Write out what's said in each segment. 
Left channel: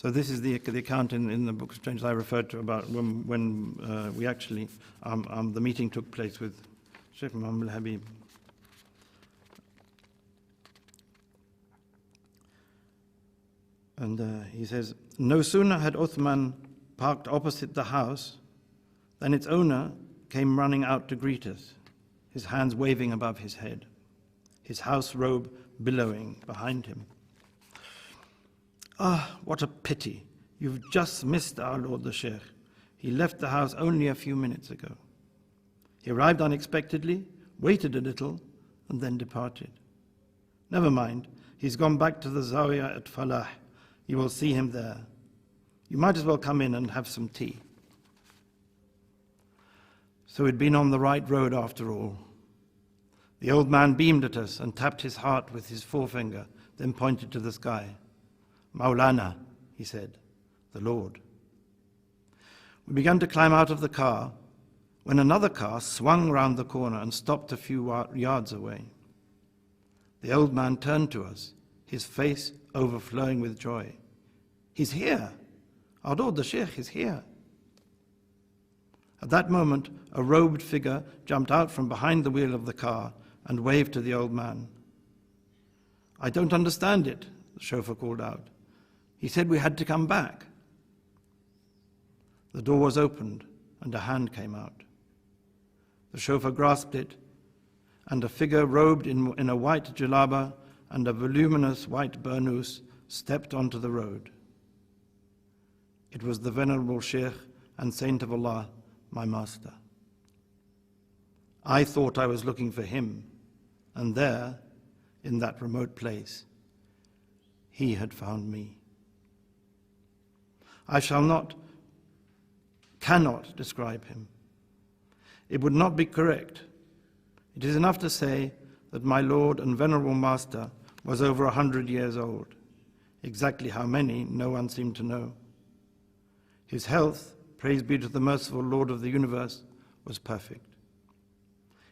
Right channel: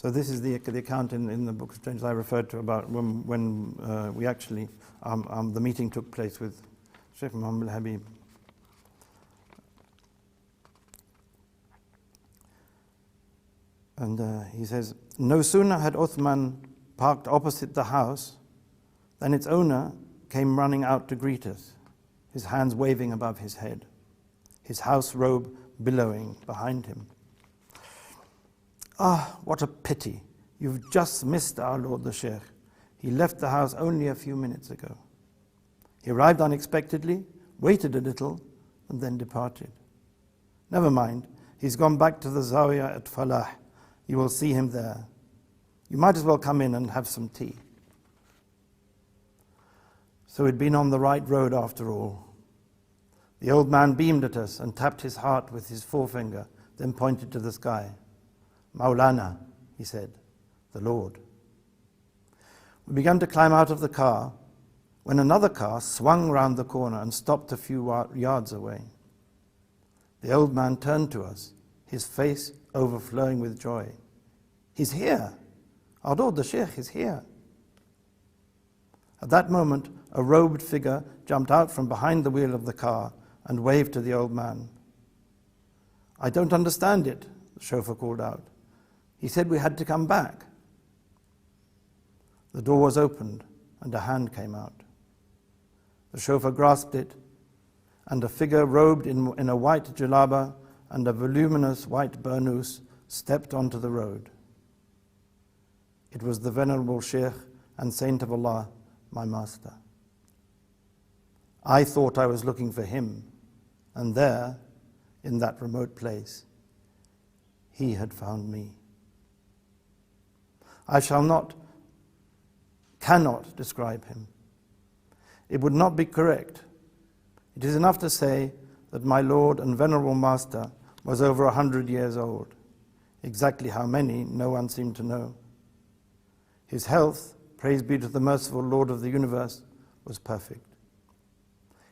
So this is the account in the book Strange I referred to about when we actually, the meeting took place with Shaykh Muhammad al-Habib. And he says, no sooner had Uthman parked opposite the house than its owner came running out to greet us, his hands waving above his head, his house robe billowing behind him. Ah, what a pity. You've just missed our Lord the Shaykh. He left the house only a few minutes ago. He arrived unexpectedly, waited a little, and then departed. Never mind, he's gone back to the Zawiya at Falah. You will see him there. You might as well come in and have some tea. So we'd been on the right road after all. The old man beamed at us and tapped his heart with his forefinger, then pointed to the sky. Maulana, he said, the Lord. We began to climb out of the car when another car swung round the corner and stopped a few yards away. The old man turned to us, his face overflowing with joy. He's here. Our Lord the Shaykh is here. At that moment, a robed figure jumped out from behind the wheel of the car and waved to the old man. I don't understand it, the chauffeur called out. He said we had to come back. The door was opened and a hand came out. The chauffeur grasped it, and a figure robed in a white jalaba and a voluminous white burnous stepped onto the road. It was the Venerable Shaykh and Saint of Allah, my master. I thought I was looking for him, and there, in that remote place, he had found me. I cannot describe him. It would not be correct. It is enough to say that my Lord and Venerable Master was over 100 years old. Exactly how many, no one seemed to know. His health, praise be to the merciful Lord of the universe, was perfect.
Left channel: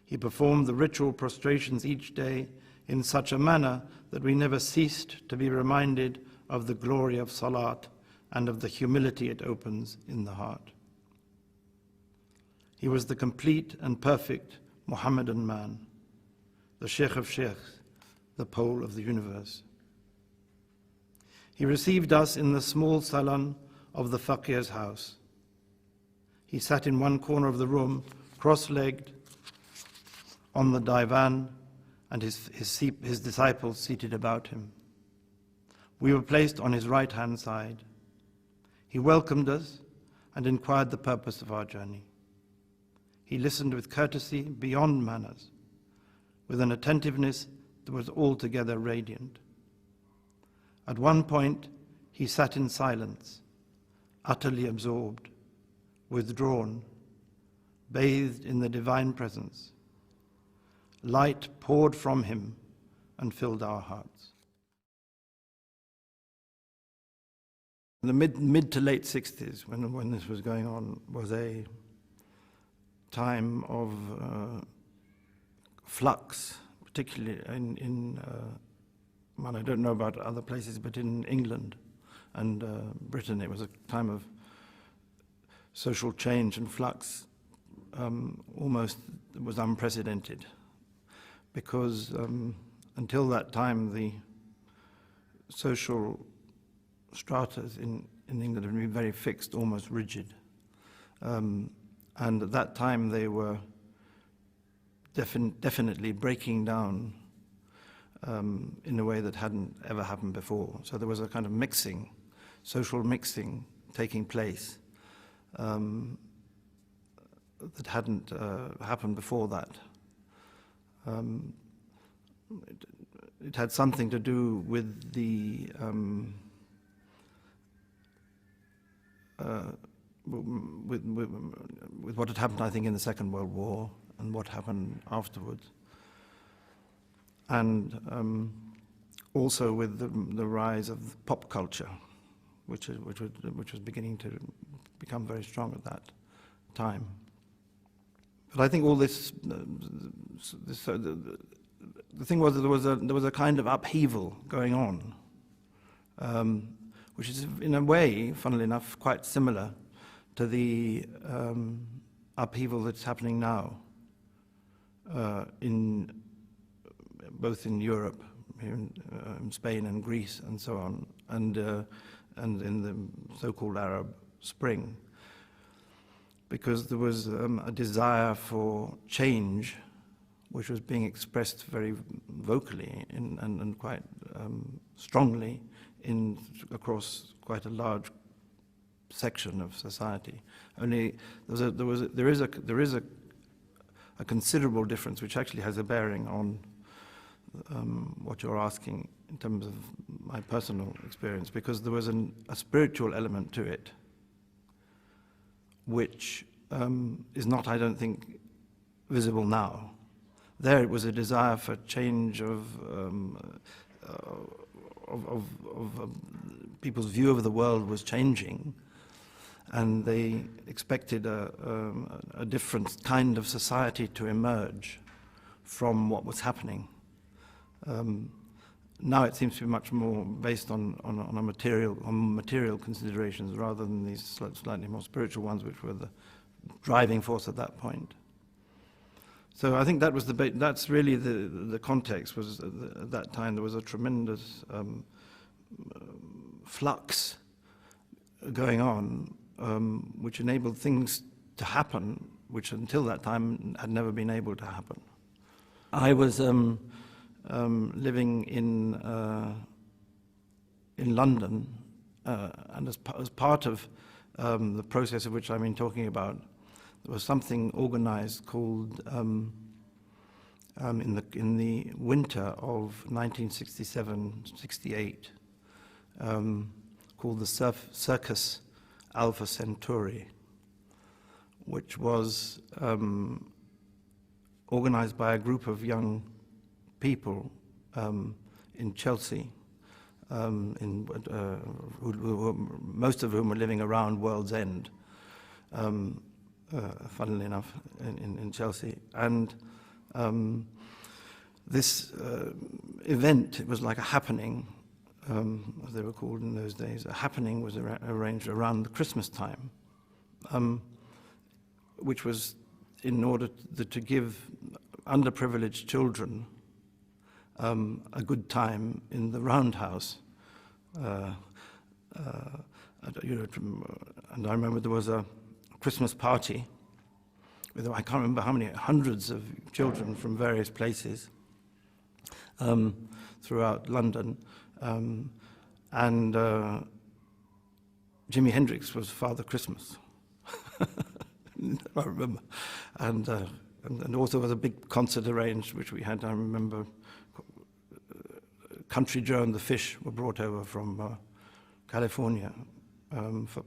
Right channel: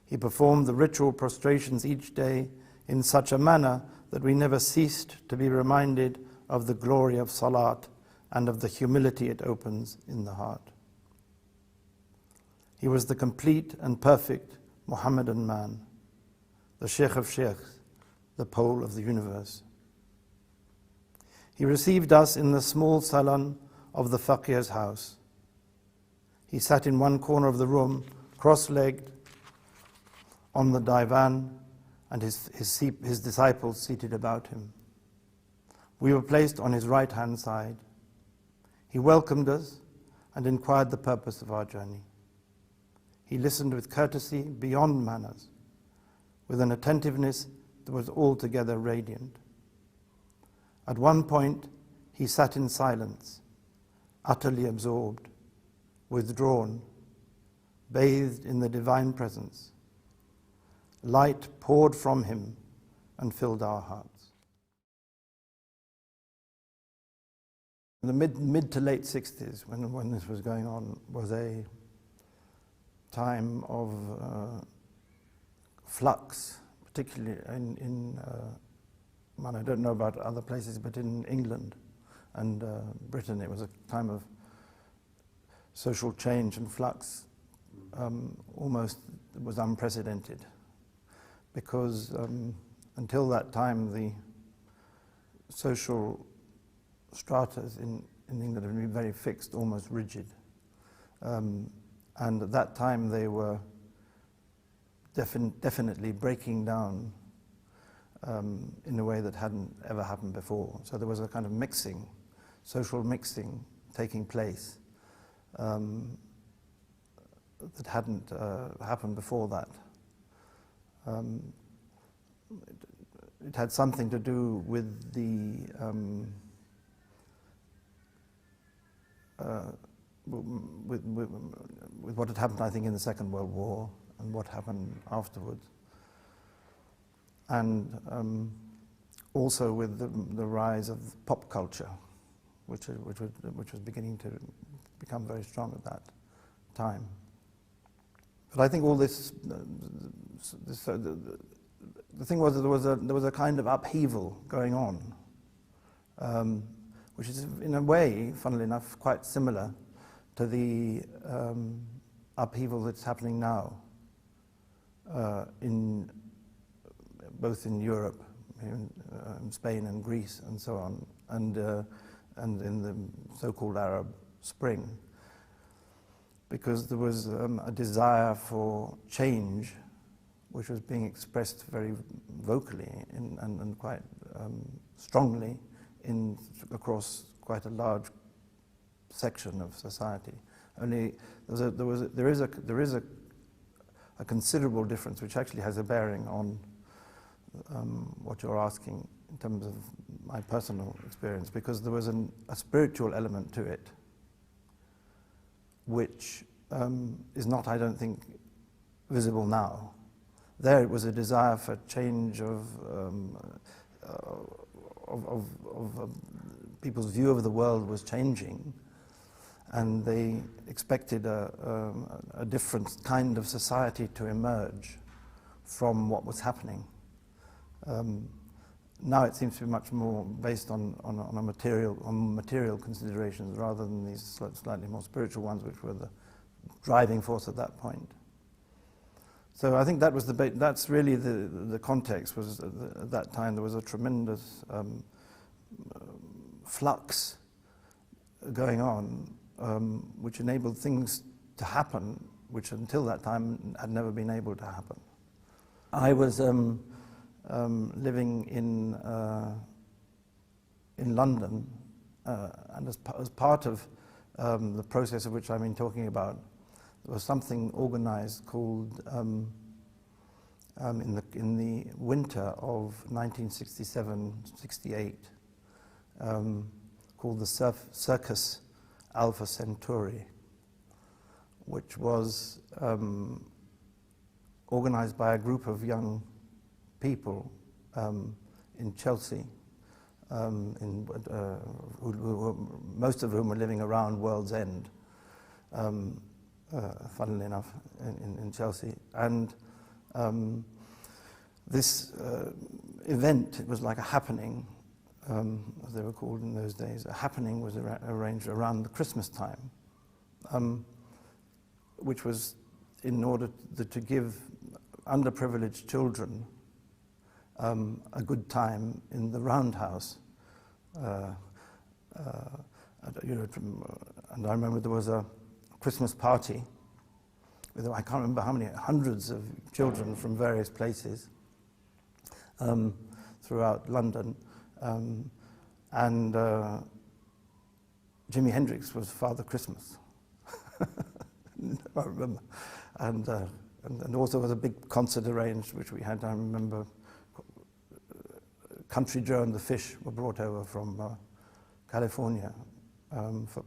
He performed the ritual prostrations each day in such a manner that we never ceased to be reminded of the glory of Salat and of the humility it opens in the heart. He was the complete and perfect Muhammadan man, the Shaykh of Sheikhs, the pole of the universe. He received us in the small salon of the faqih's house. He sat in one corner of the room, cross-legged, on the divan, and his disciples seated about him. We were placed on his right-hand side. He welcomed us and inquired the purpose of our journey. He listened with courtesy beyond manners, with an attentiveness that was altogether radiant. At one point, he sat in silence, utterly absorbed, withdrawn, bathed in the divine presence. Light poured from him and filled our hearts. The mid to late 60s, when this was going on, was a time of flux, particularly well, I don't know about other places, but in England and Britain, it was a time of social change and flux, almost it was unprecedented, because until that time, the social stratas in England had been very fixed, almost rigid. And at that time, they were definitely breaking down in a way that hadn't ever happened before. So there was a kind of mixing, social mixing taking place that hadn't happened before that. It had something to do with the with what had happened, I think, in the Second World War and what happened afterwards, and also with the rise of pop culture, which was beginning to become very strong at that time. But I think all this, the thing was that there was a kind of upheaval going on, which is in a way, funnily enough, quite similar to the upheaval that's happening now both in Europe, in Spain and Greece and so on, and in the so-called Arab Spring, because there was a desire for change which was being expressed very vocally and quite strongly across quite a large section of society. Only there is a considerable difference, which actually has a bearing on what you're asking in terms of my personal experience, because there was a spiritual element to it, which is not, I don't think, visible now. There it was a desire for change of people's view of the world was changing, and they expected a different kind of society to emerge from what was happening. Now it seems to be much more based on material considerations rather than these slightly more spiritual ones, which were the driving force at that point. So I think that was that's really the context. Was at that time there was a tremendous flux going on, which enabled things to happen, which until that time had never been able to happen. I was living in London, and as part of the process of which I've been talking about, there was something organized called, in the winter of 1967-68, called the Circus Alpha Centauri, which was organized by a group of young people in Chelsea, most of whom were living around World's End, funnily enough, in Chelsea. And this event, it was like a happening, as they were called in those days. A happening was arranged around the Christmas time, which was in order to give underprivileged children a good time in the roundhouse. And I remember there was a Christmas party with, I can't remember how many, hundreds of children from various places throughout London. And Jimi Hendrix was Father Christmas. I remember. And also was a big concert arranged, which we had, I remember, Country Joe and the Fish were brought over from California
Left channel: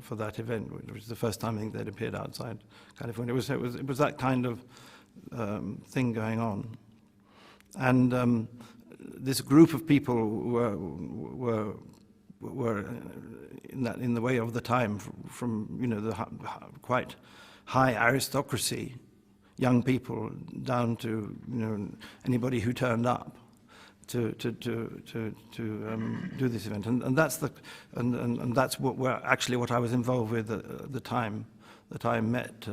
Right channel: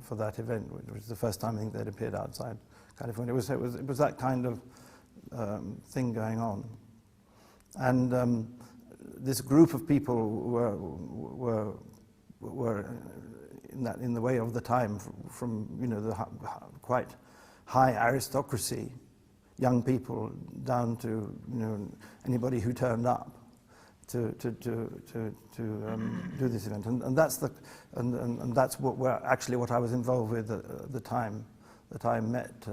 for that event, which was the first time I think they'd appeared outside California. It was that kind of thing going on. And this group of people were in the way of the time, from the quite high aristocracy, young people, down to anybody who turned up to do this event, and that's what I was involved with at the time that I met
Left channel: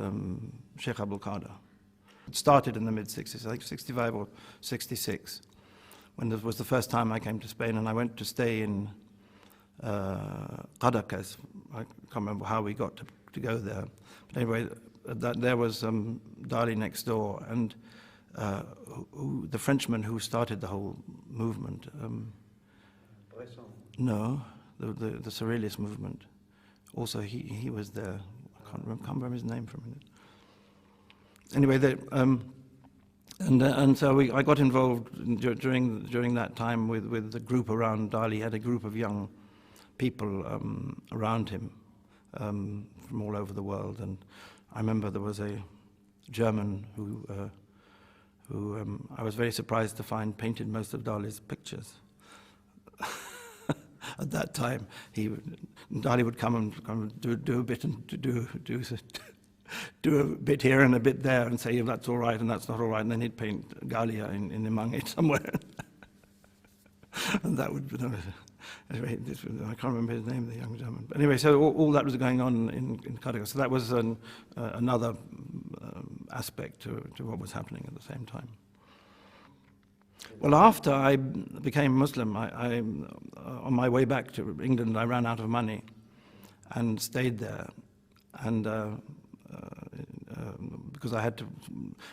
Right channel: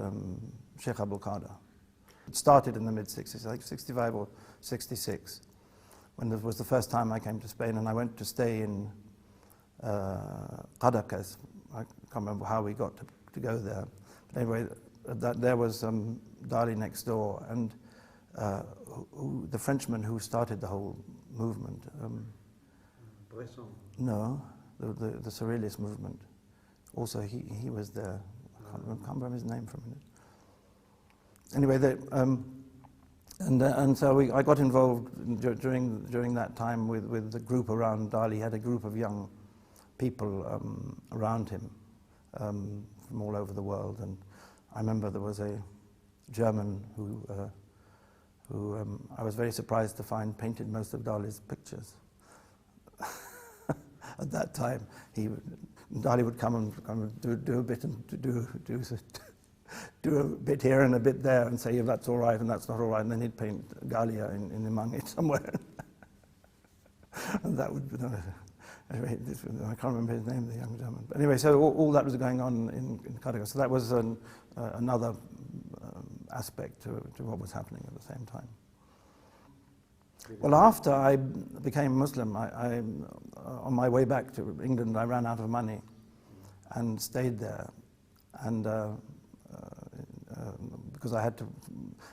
Shaykh Abdalhaqq. It started in the mid-60s, I think 65 or 66, when it was the first time I came to Spain, and I went to stay in Qadakaz. I can't remember how we got to go there, but anyway, there was Dali next door, and the Frenchman who started the whole movement. No, the Surrealist movement. Also, he was there. I can't remember his name for a minute. Anyway, and so I got involved during that time with the group around Dali. He had a group of young people around him from all over the world, and I remember there was a German who I was very surprised to find painted most of Dali's pictures. At that time, Dali would come and do a bit and do a bit here and a bit there, and say that's all right and that's not all right, and then he'd paint Galia in among it somewhere. And that would, Anyway, I can't remember his name, the young gentleman. But anyway, so all that was going on in Cardigan. So that was another aspect to what was happening at the same time. Well, after I became Muslim, I on my way back to England, I ran out of money and stayed there. And because I had to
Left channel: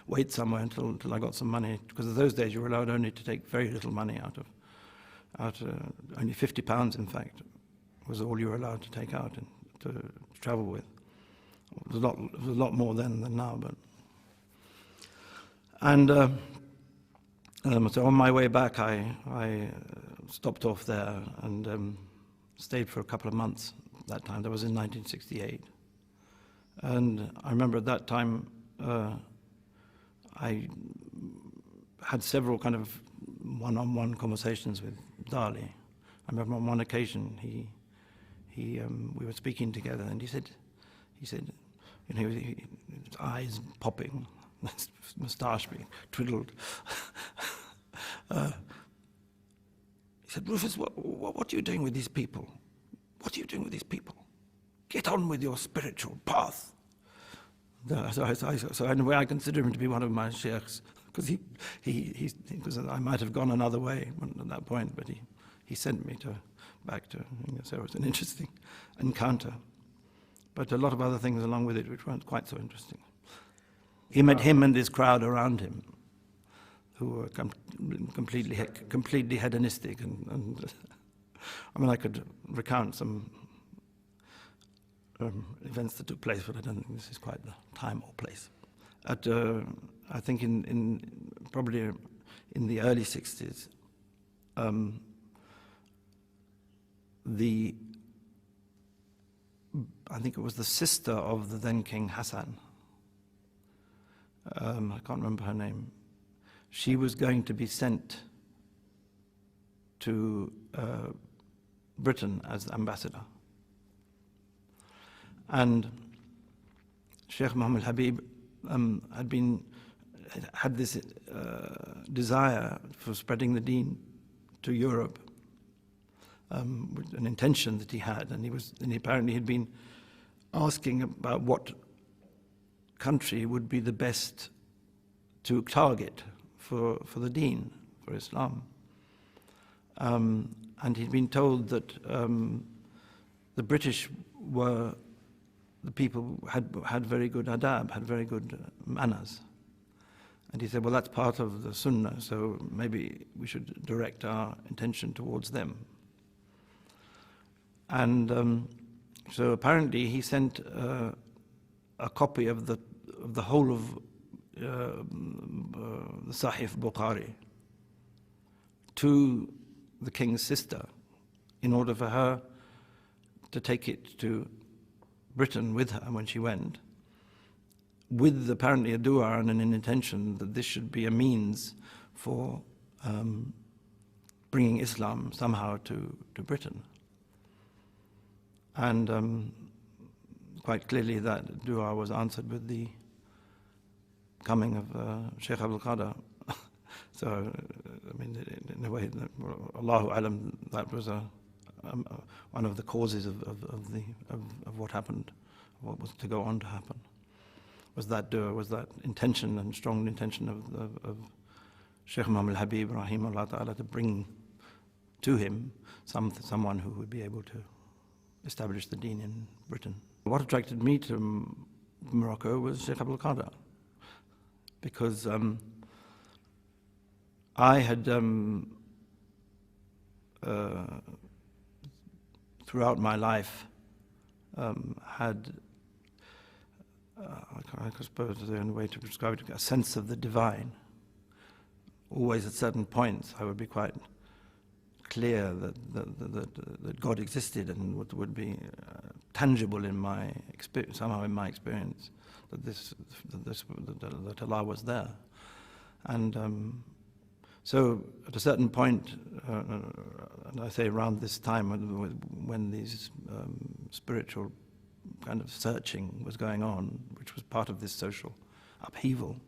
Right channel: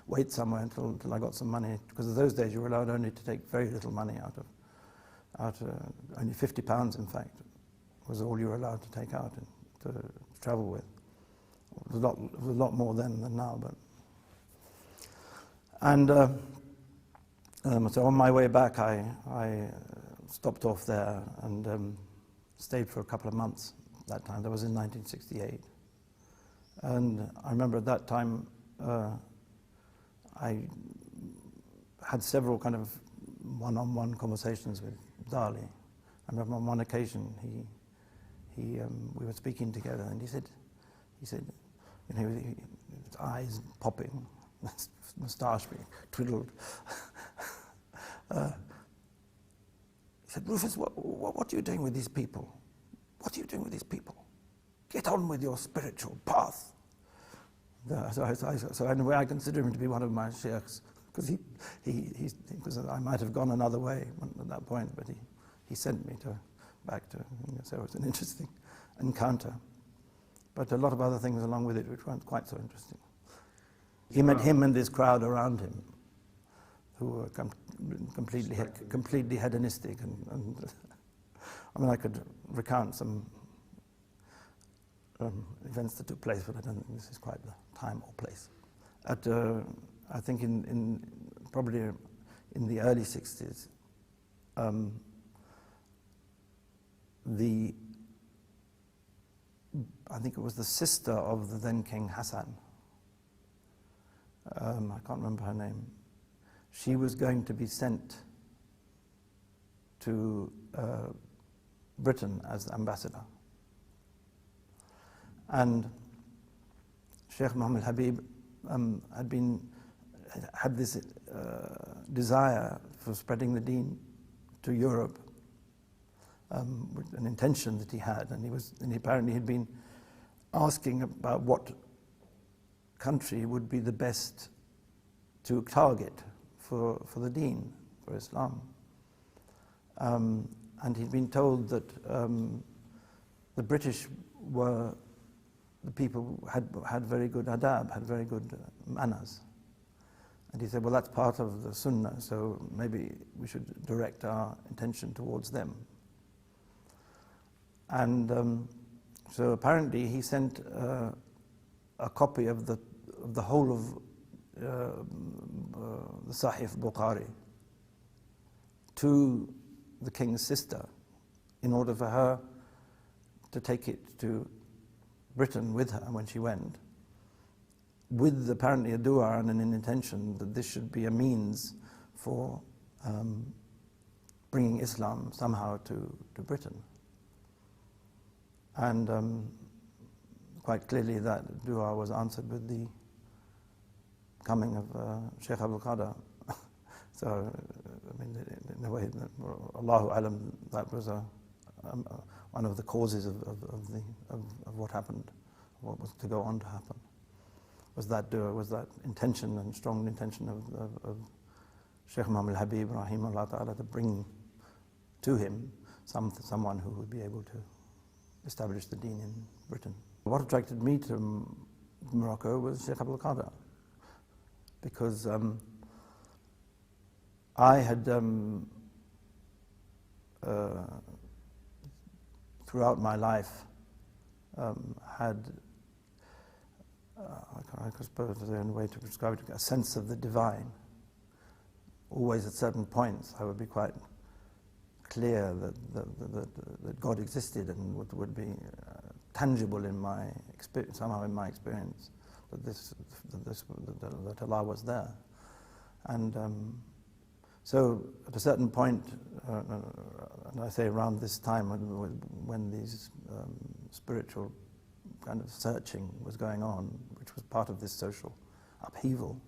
wait somewhere until I got some money, because in those days you were allowed only to take very little money out of only £50, in fact, was all you were allowed to take out to travel with. It was a lot more then than now, but. And so on my way back, I stopped off there and stayed for a couple of months that time. That was in 1968. And I remember at that time, I had several kind of one-on-one conversations with Dali. I remember on one occasion, we were speaking together, and he said, you know, his eyes popping, moustache being twiddled. He said, "Rufus, what are you doing with these people? What are you doing with these people? Get on with your spiritual path." So in a way, I consider him to be one of my sheikhs, because because I might have gone another way at that point, but he sent me back to, so it was an interesting encounter. But a lot of other things along with it which weren't quite so interesting. He met him and his crowd around him, who were completely hedonistic, and I mean, I could recount some events that took place, but I don't think this is quite the time or place. I think probably in the early 60s, I think it was the sister of the then King Hassan. I can't remember her name. She was going to be sent to Britain as ambassador. And Sheikh Muhammad Habib had this desire for spreading the deen to Europe, an intention that he had, and he apparently had been asking about what country would be the best to target for the deen, for Islam. And he'd been told that the British were the people who had very good adab, had very good manners. And he said, well, that's part of the sunnah, so maybe we should direct our attention towards them. And so apparently he sent a copy of the whole of the Sahih Bukhari to the king's sister in order for her to take it to Britain with her when she went, with apparently a dua and an intention that this should be a means for bringing Islam somehow to Britain. And quite clearly that dua was answered with the coming of Shaykh Abdalhaqq. So, I mean, in a way, Allahu Alam, that was one of the causes of what happened, what was to go on to happen. Was that dua, was that intention and strong intention of Shaykh Muhammad Habib rahimahullah ta'ala to bring to him someone who would be able to establish the deen in Britain. What attracted me to Morocco was Shaykh Abdalhaqq, because I had throughout my life had, I suppose there's a way to describe it, a sense of the divine. Always at certain points I would be quite clear that God existed and would be tangible in my experience, somehow in my experience, that Allah was there. And so at a certain point, and I say around this time when these spiritual kind of searching was going on, which was part of this social upheaval,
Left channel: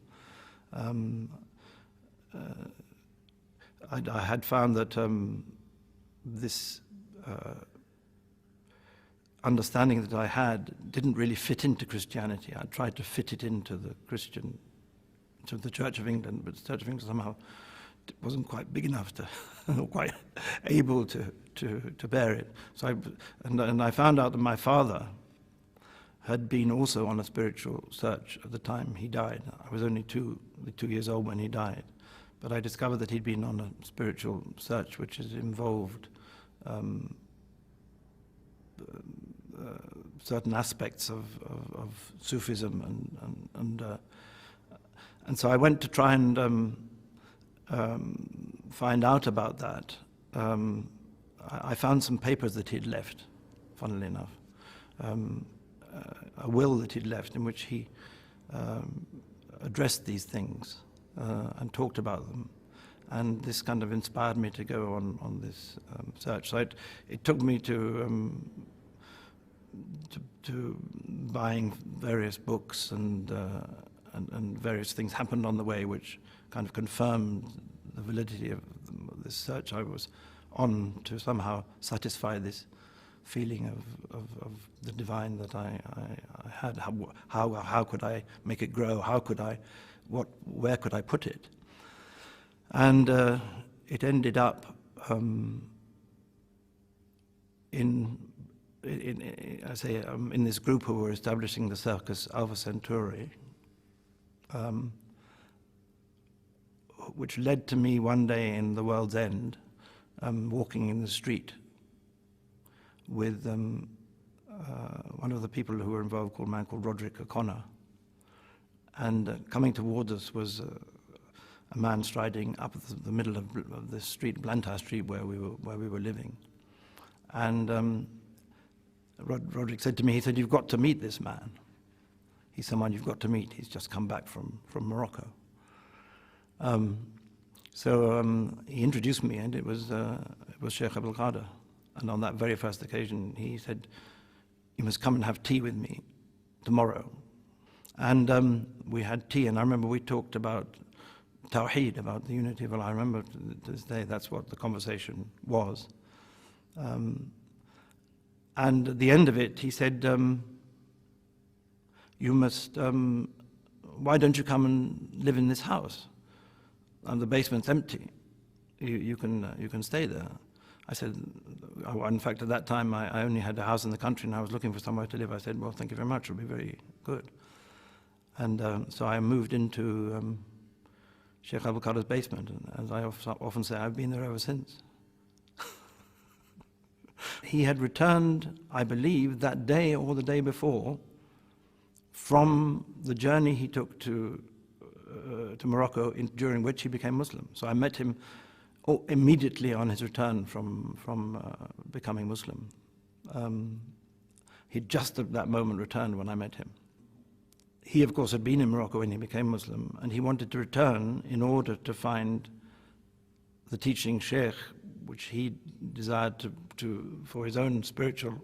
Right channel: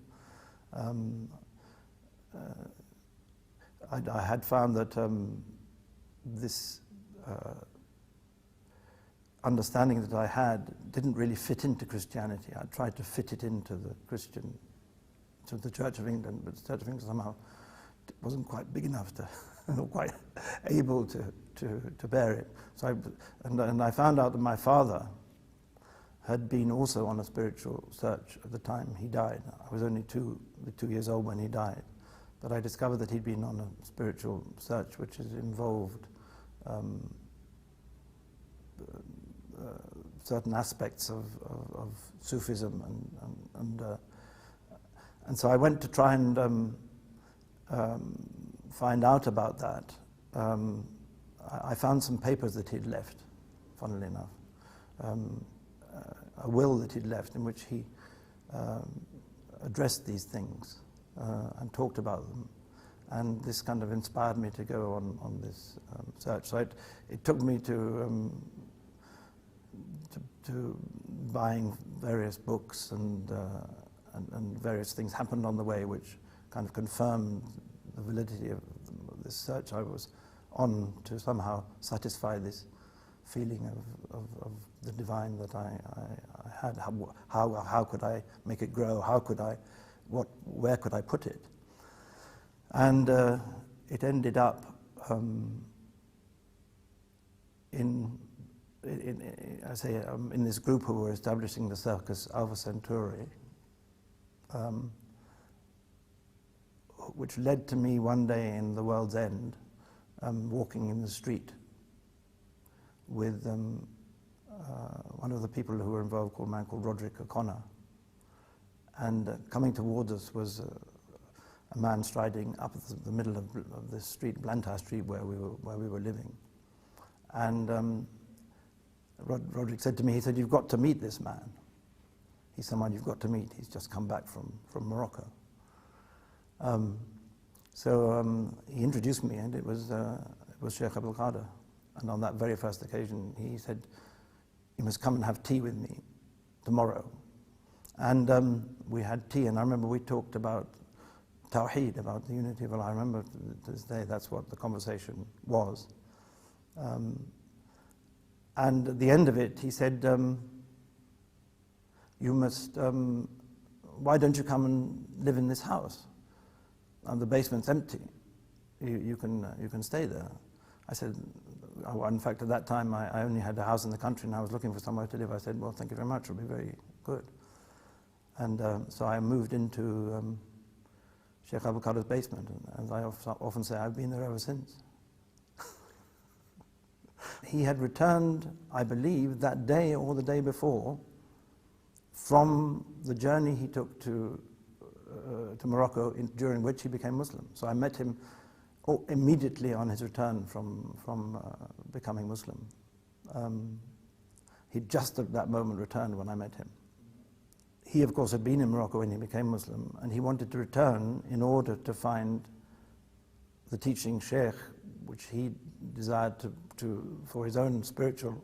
I had found that this understanding that I had didn't really fit into Christianity. I tried to fit it into the Church of England, but the Church of England somehow wasn't quite big enough to, or quite able to bear it. So I found out that my father had been also on a spiritual search at the time he died. I was only 2 years old when he died, but I discovered that he'd been on a spiritual search which has involved certain aspects of Sufism, and so I went to try and find out about that. I found some papers that he'd left, funnily enough, a will that he'd left in which he addressed these things and talked about them. And this kind of inspired me to go on this search. So it took me to buying various books, and various things happened on the way which kind of confirmed the validity of this search I was on, to somehow satisfy this feeling of the divine that I had. How could I make it grow? Where could I put it? And it ended up in this group who were establishing the circus Alpha Centauri, which led to me one day in the World's End, walking in the street with one of the people who were involved, a man called Roderick O'Connor, and coming towards us was a man striding up the middle of this street, Blantyre Street, where we were living, and Roderick said to me, he said, "You've got to meet this man. He's someone you've got to meet. He's just come back from Morocco." So he introduced me, and it was Shaykh Abdalhaqq. And on that very first occasion, he said, "You must come and have tea with me tomorrow." And we had tea, and I remember we talked about Tawheed, about the unity of Allah. I remember to this day that's what the conversation was. And at the end of it, he said, "You must, why don't you come and live in this house? And the basement's empty. You can stay there." I said, in fact, at that time, I only had a house in the country, and I was looking for somewhere to live. I said, "Well, thank you very much. It'll be very good." And so I moved into Shaykh Abdalhaqq's basement, and as I often say, I've been there ever since. He had returned, I believe, that day or the day before from the journey he took to Morocco, during which he became Muslim. So I met him immediately on his return from becoming Muslim. He just at that moment returned when I met him. He, of course, had been in Morocco when he became Muslim, and he wanted to return in order to find the teaching sheikh, which he desired for his own spiritual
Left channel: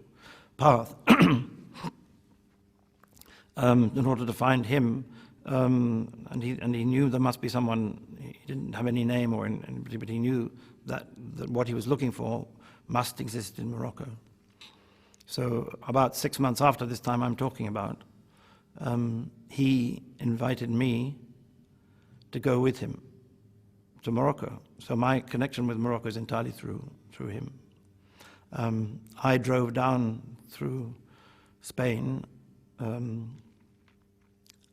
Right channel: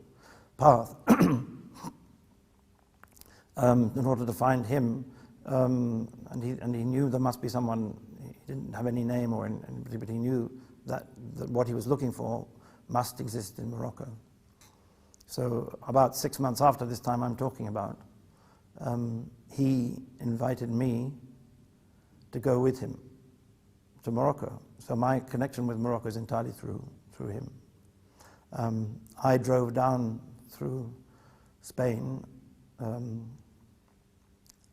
path. In order to find him, and he knew there must be someone. He didn't have any name but he knew that what he was looking for must exist in Morocco. So about 6 months after this time I'm talking about, he invited me to go with him to Morocco. So my connection with Morocco is entirely through him. I drove down through Spain,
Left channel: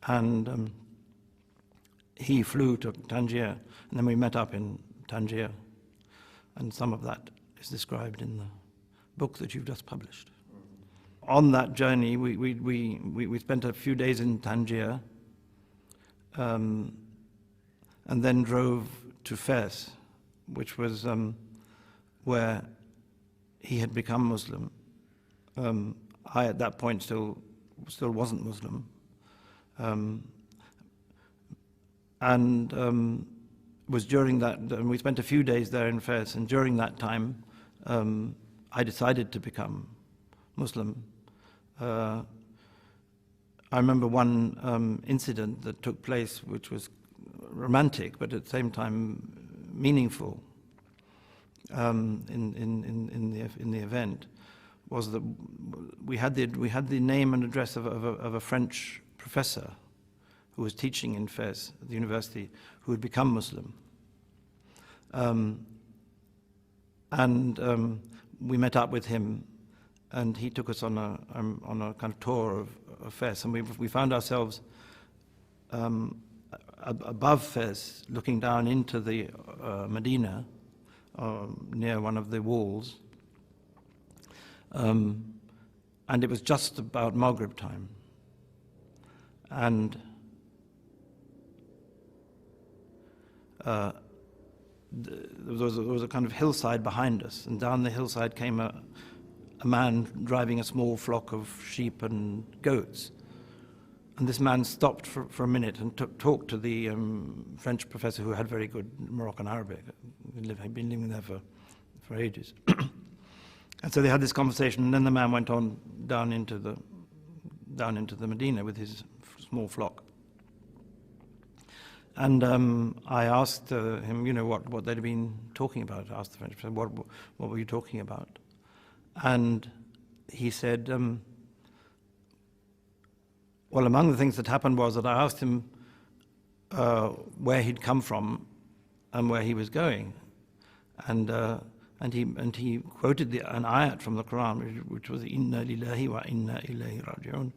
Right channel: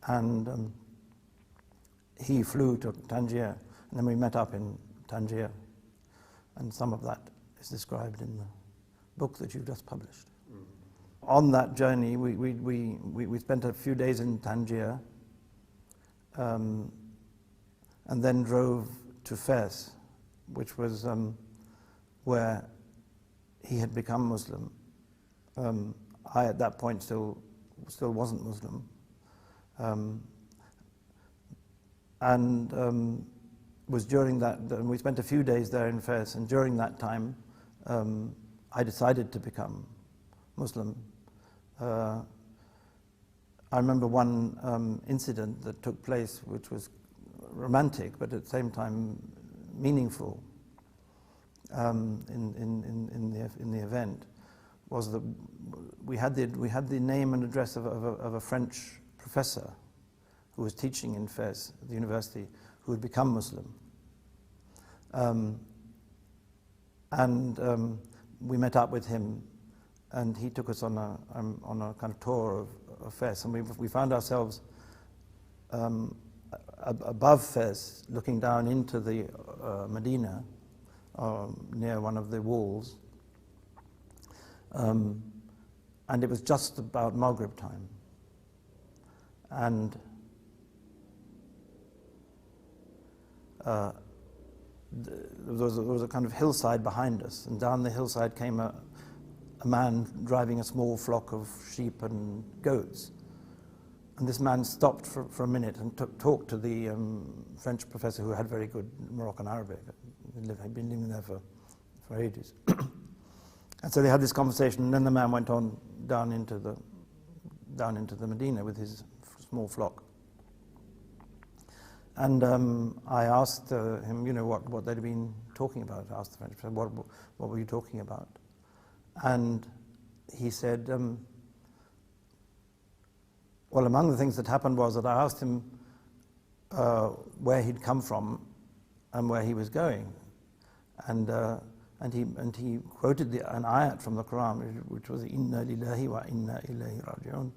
and he flew to Tangier, and then we met up in Tangier, and some of that is described in the book that you've just published. On that journey, we spent a few days in Tangier, and then drove to Fez, which was where he had become Muslim. I, at that point, still wasn't Muslim, and was during that. We spent a few days there in Fez, and during that time, I decided to become Muslim. I remember one incident that took place, which was romantic, but at the same time meaningful. in the event was that we had the name and address of a French professor who was teaching in Fez at the university, who had become Muslim, and we met up with him, and he took us on a kind of tour of Fez, and we found ourselves above Fez, looking down into the Medina, near one of the walls, and it was just about Maghrib time, and there was a kind of hillside behind us, and down the hillside came a man driving a small flock of sheep and goats. And this man stopped for a minute and talked to the French professor, who had very good Moroccan Arabic. He'd been living there for ages. And so they had this conversation, and then the man went on down into the Medina with his small flock. And I asked him, what they'd been talking about. I asked the French professor, what were you talking about? And he said, well, among the things that happened was that I asked him where he'd come from and where he was going, and he quoted an ayat from the Qur'an, which was "Inna lillahi wa inna ilayhi raji'un."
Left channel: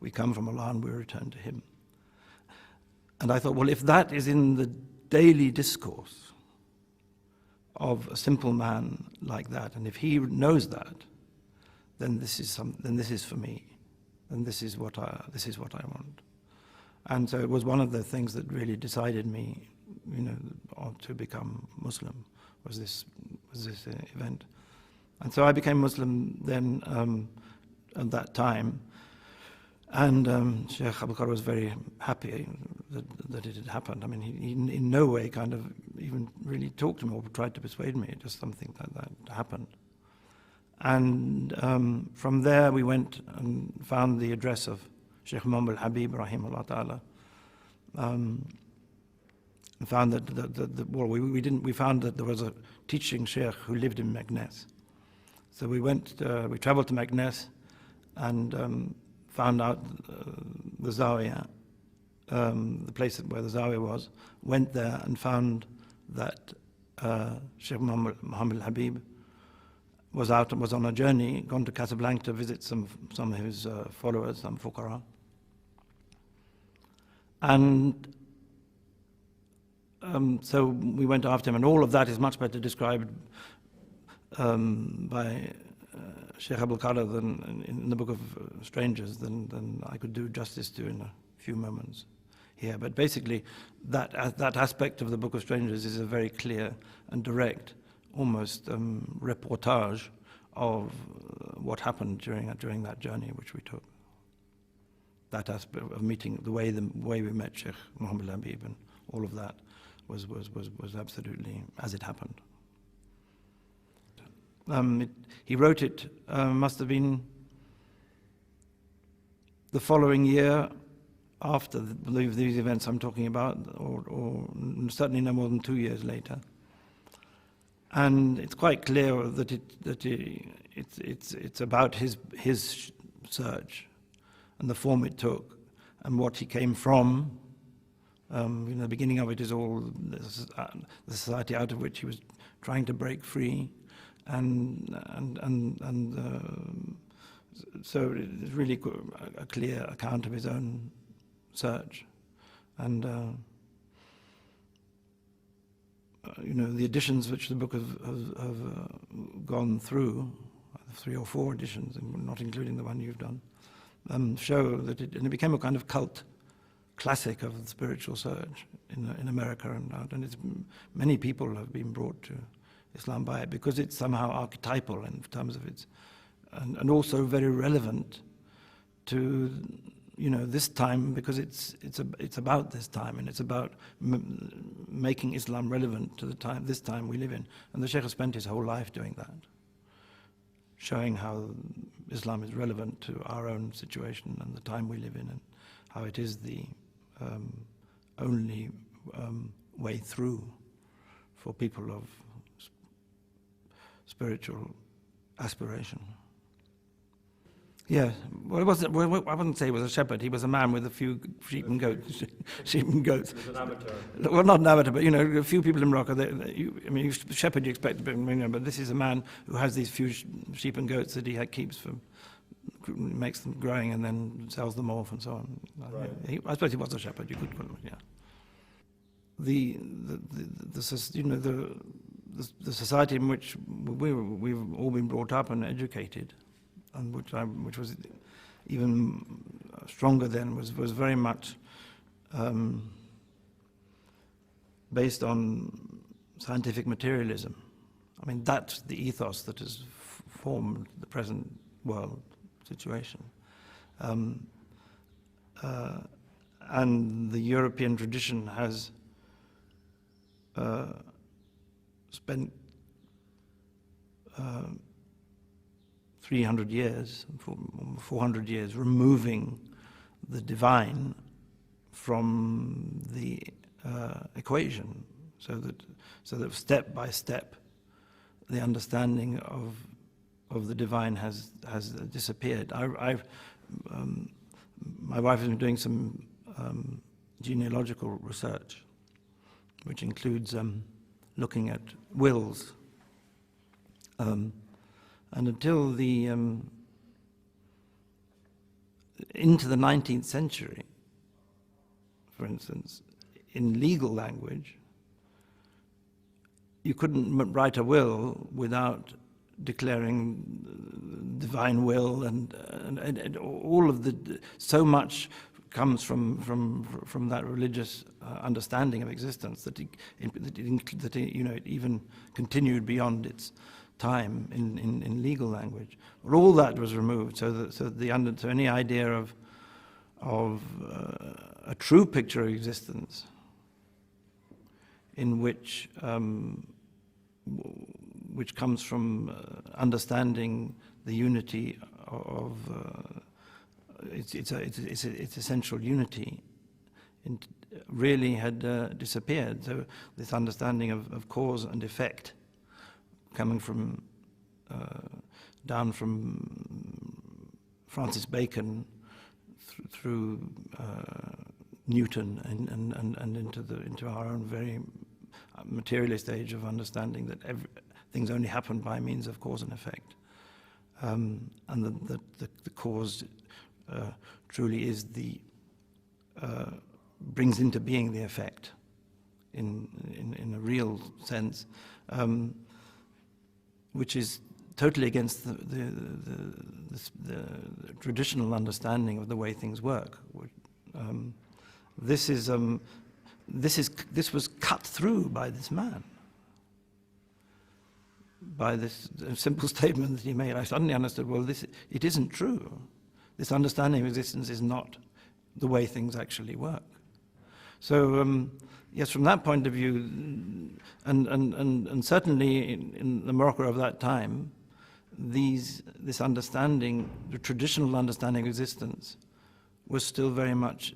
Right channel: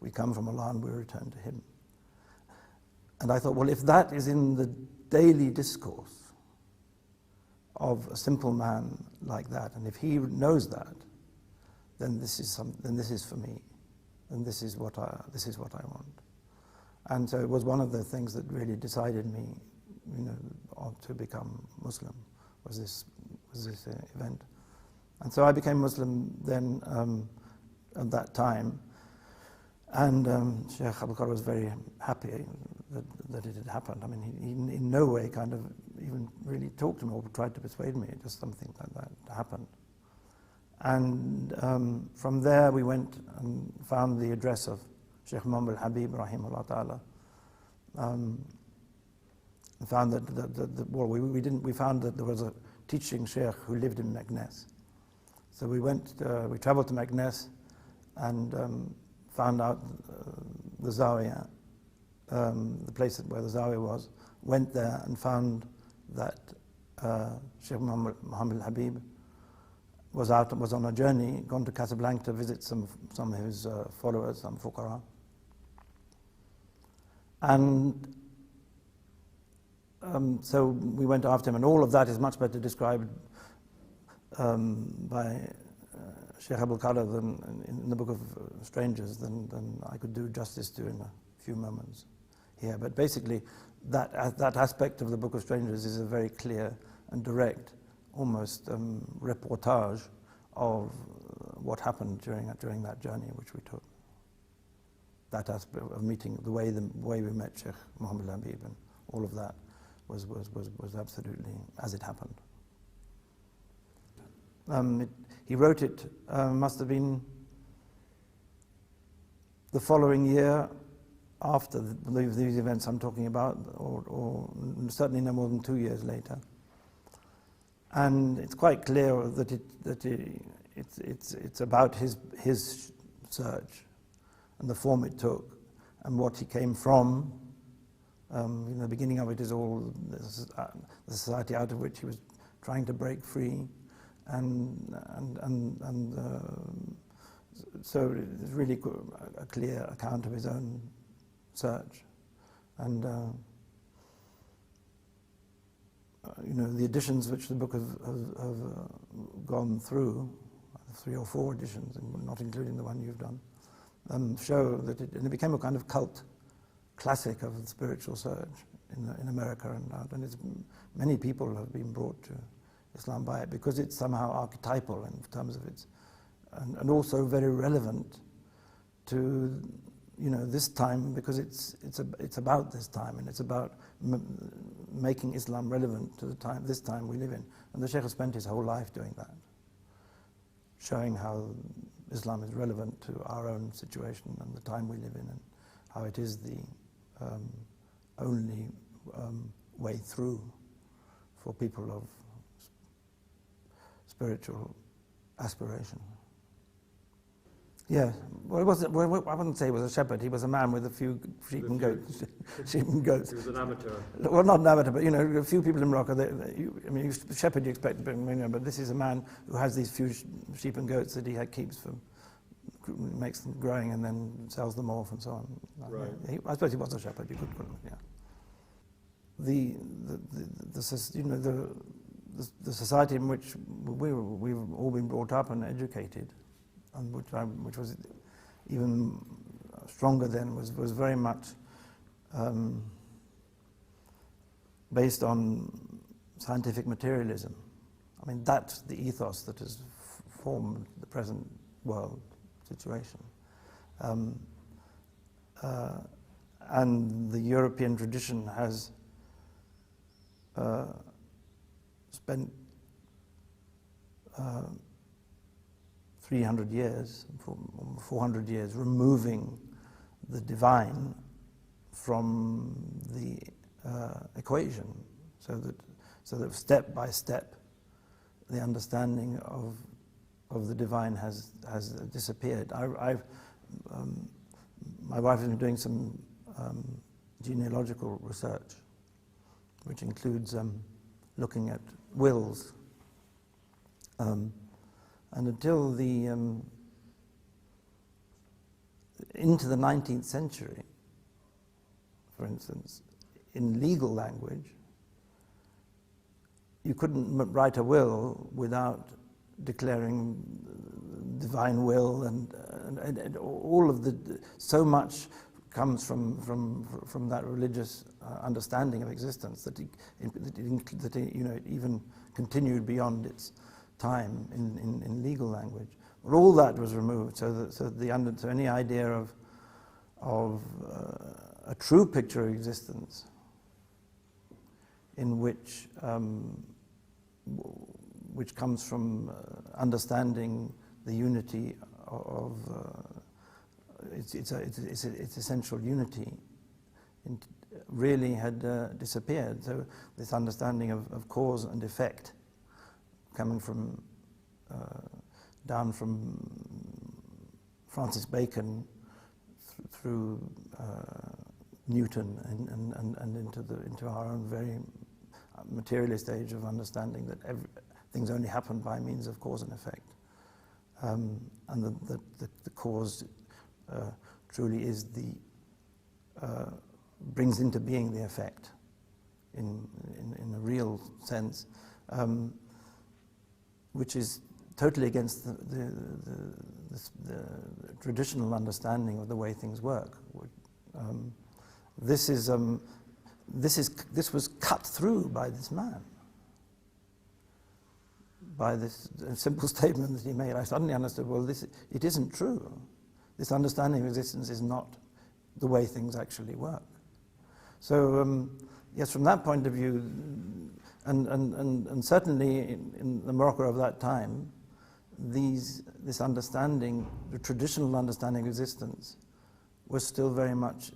We come from Allah and we return to Him. And I thought, well, if that is in the daily discourse of a simple man like that, and if he knows that, then this is for me. And this is what I want. And so it was one of the things that really decided me, to become Muslim, was this event. And so I became Muslim then at that time. And Shaykh Abdalhaqq was very happy that it had happened. I mean, he in no way kind of even really talked to me or tried to persuade me. Just something like that happened. And from there we went and found the address of Shaykh Muhammad al-Habib, rahimahullah ta'ala. And found that we found that there was a teaching sheikh who lived in Meknes. So we traveled to Meknes and found out the Zawiya, the place where the Zawiya was, went there and found that Shaykh Muhammad al-Habib was on a journey, gone to Casablanca to visit some of his followers, some fuqara. And so we went after him, and all of that is much better described by Shaykh Abdalhaqq than in the Book of Strangers than I could do justice to in a few moments here. But basically, that aspect of the Book of Strangers is a very clear and direct, almost reportage of what happened during that journey which we took. That aspect of meeting, the way we met Shaykh Muhammad al-Habib, and all of that was absolutely as it happened. He wrote it, must have been the following year after these events I'm talking about, or certainly no more than 2 years later. And it's quite clear that it's about his search and the form it took and what he came from. The beginning of it is all the society out of which he was trying to break free, so it's really a clear account of his own search, and the editions which the book has gone through, 3 or 4 editions, not including the one you've done, show that it became a kind of cult classic of the spiritual search in America and many people have been brought to Islam by it because it's somehow archetypal in terms of its, and also very relevant to this time, because it's about this time, and it's about making Islam relevant to this time we live in. And the Shaykh has spent his whole life doing that, showing how Islam is relevant to our own situation and the time we live in, and how it is the only way through for people of spiritual aspiration. Yeah, well, it wasn't. Well, I wouldn't say he was a shepherd. He was a man with a few sheep and goats. Sheep and goats. He was an amateur. Well, not an amateur, but a few people in Morocco. Shepherd you expect, but this is a man who has these few sheep and goats that he keeps for, makes them growing and then sells them off and so on. Right. I suppose he was a shepherd. You could call him. Yeah. The society in which we've all been brought up and educated, and which was even stronger then, was very much based on scientific materialism. I mean, that's the ethos that has formed the present world situation. And the European tradition has spent 300 years, 400 years, removing the divine from the equation, so that step by step the understanding of the divine has disappeared. My wife has been doing some genealogical research, which includes looking at wills. And until into the 19th century, for instance, in legal language, you couldn't write a will without declaring divine will, and all of so much comes from that religious understanding of existence that it even continued beyond its time in legal language. But all that was removed, so any idea of a true picture of existence in which comes from understanding the unity of its essential unity, really had disappeared. So this understanding of cause and effect, coming from down from Francis Bacon through Newton and into our own very materialist age of understanding that things only happen by means of cause and effect, and the cause truly is brings into being the effect in a real sense, which is totally against the traditional understanding of the way things work. This was cut through by this man, by this simple statement that he made. I suddenly understood, well, it isn't true. This understanding of existence is not the way things actually work. So yes, from that point of view, and certainly in the Morocco of that time, this understanding, the traditional understanding of existence, was still very much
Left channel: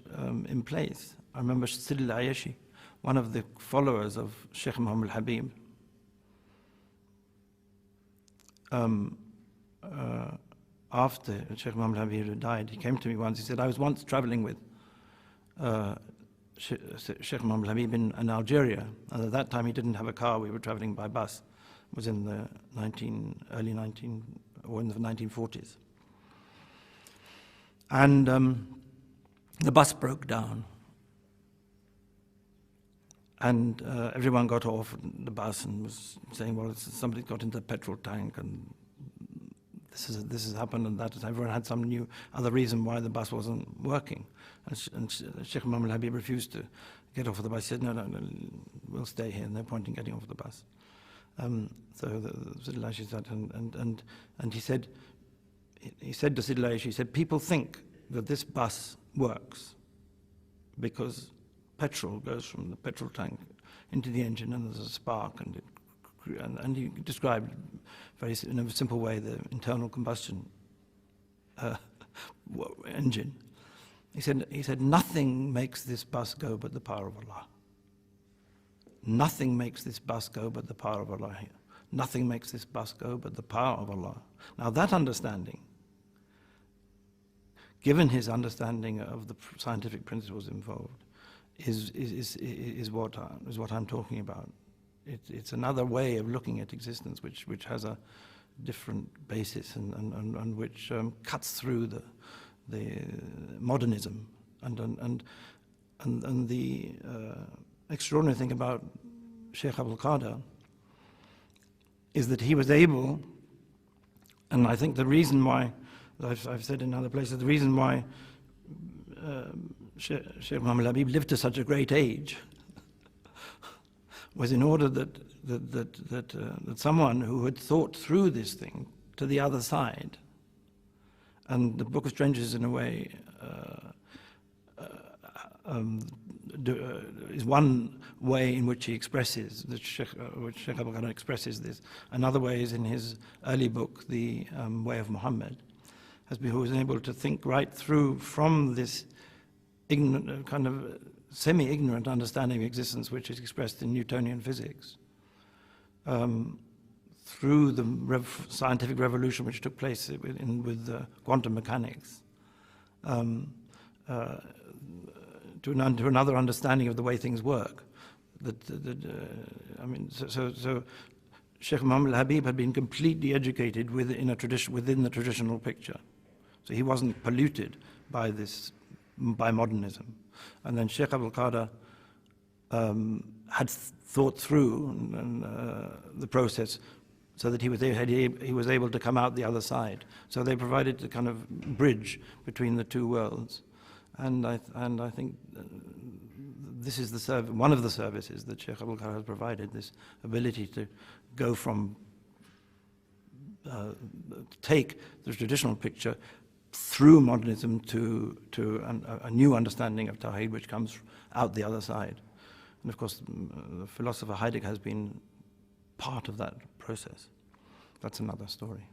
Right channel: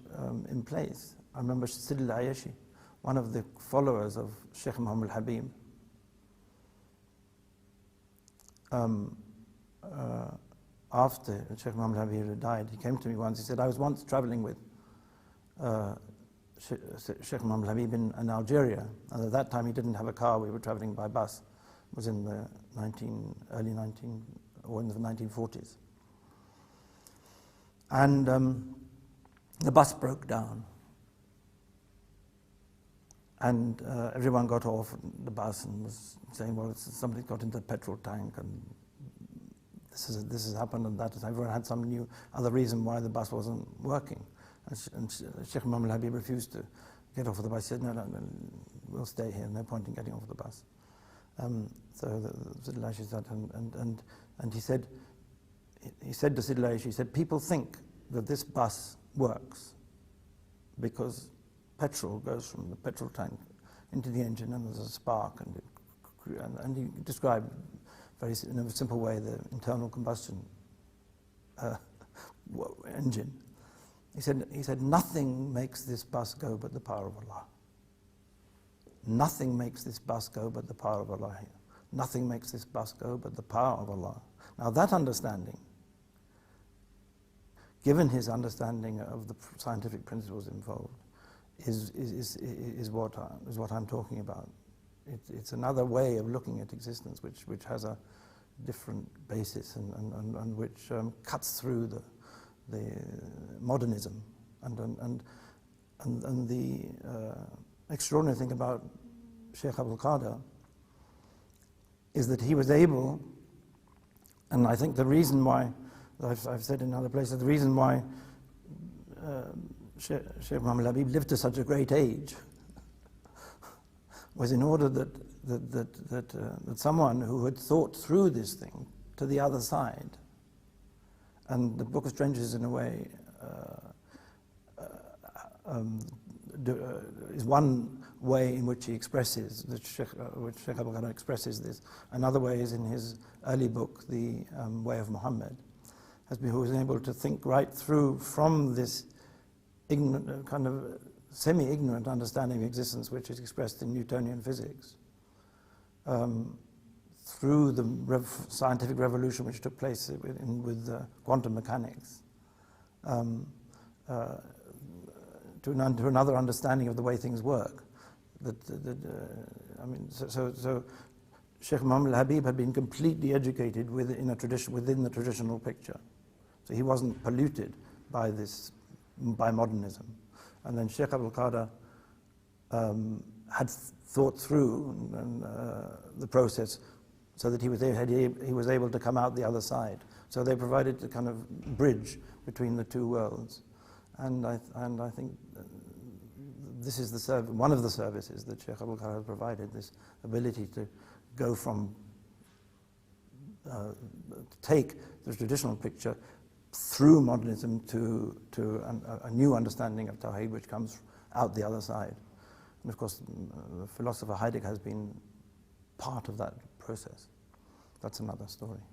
in place. I remember Sidi al-Ayashi, one of the followers of Shaykh Muhammad al-Habib, after Shaykh Muhammad al-Habib had died, he came to me once. He said, I was once traveling with Shaykh Muhammad al-Habib in Algeria, and at that time he didn't have a car. We were traveling by bus. It was in the early 1940s, and the bus broke down, and everyone got off the bus and was saying, well, somebody got into the petrol tank, and this has happened, and that has, everyone had some other reason why the bus wasn't working. And Shaykh Muhammad al-Habib refused to get off of the bus. He said, no, we'll stay here, no point in getting off the bus. So Sidi al-Ayashi said, and he said to Sidi al-Ayashi, he said, people think that this bus works because petrol goes from the petrol tank into the engine, and there's a spark, and he described in a simple way the internal combustion engine. He said, nothing makes this bus go but the power of Allah. Nothing makes this bus go but the power of Allah. Nothing makes this bus go but the power of Allah. Now that understanding, given his understanding of the scientific principles involved, is what I'm talking about. It's another way of looking at existence, which has a different basis and which cuts through the modernism and the extraordinary thing about Shaykh Abdalhaqq is that he was able, and I think the reason why, I've said in other places, the reason why Shaykh Muhammad Habib lived to such a great age was in order that someone who had thought through this thing to the other side, and the Book of Strangers in a way is one way in which he expresses, which Shaykh Abdalhaqq expresses this. Another way is in his early book, The Way of Muhammad, who was able to think right through from this ignorant, kind of semi-ignorant understanding of existence, which is expressed in Newtonian physics, through the scientific revolution which took place with quantum mechanics, to another understanding of the way things work. So Shaykh Muhammad Habib had been completely educated within the traditional picture, so he wasn't polluted by modernism. And then Shaykh Abdalhaqq had thought through the process, so that he was able to come out the other side. So they provided a kind of bridge between the two worlds, and I think this is one of the services that Shaykh Abdalhaqq has provided, this ability to go from take the traditional picture through modernism to a new understanding of Tawheed, which comes out the other side. And of course, the philosopher Heidegger has been part of that process. That's another story.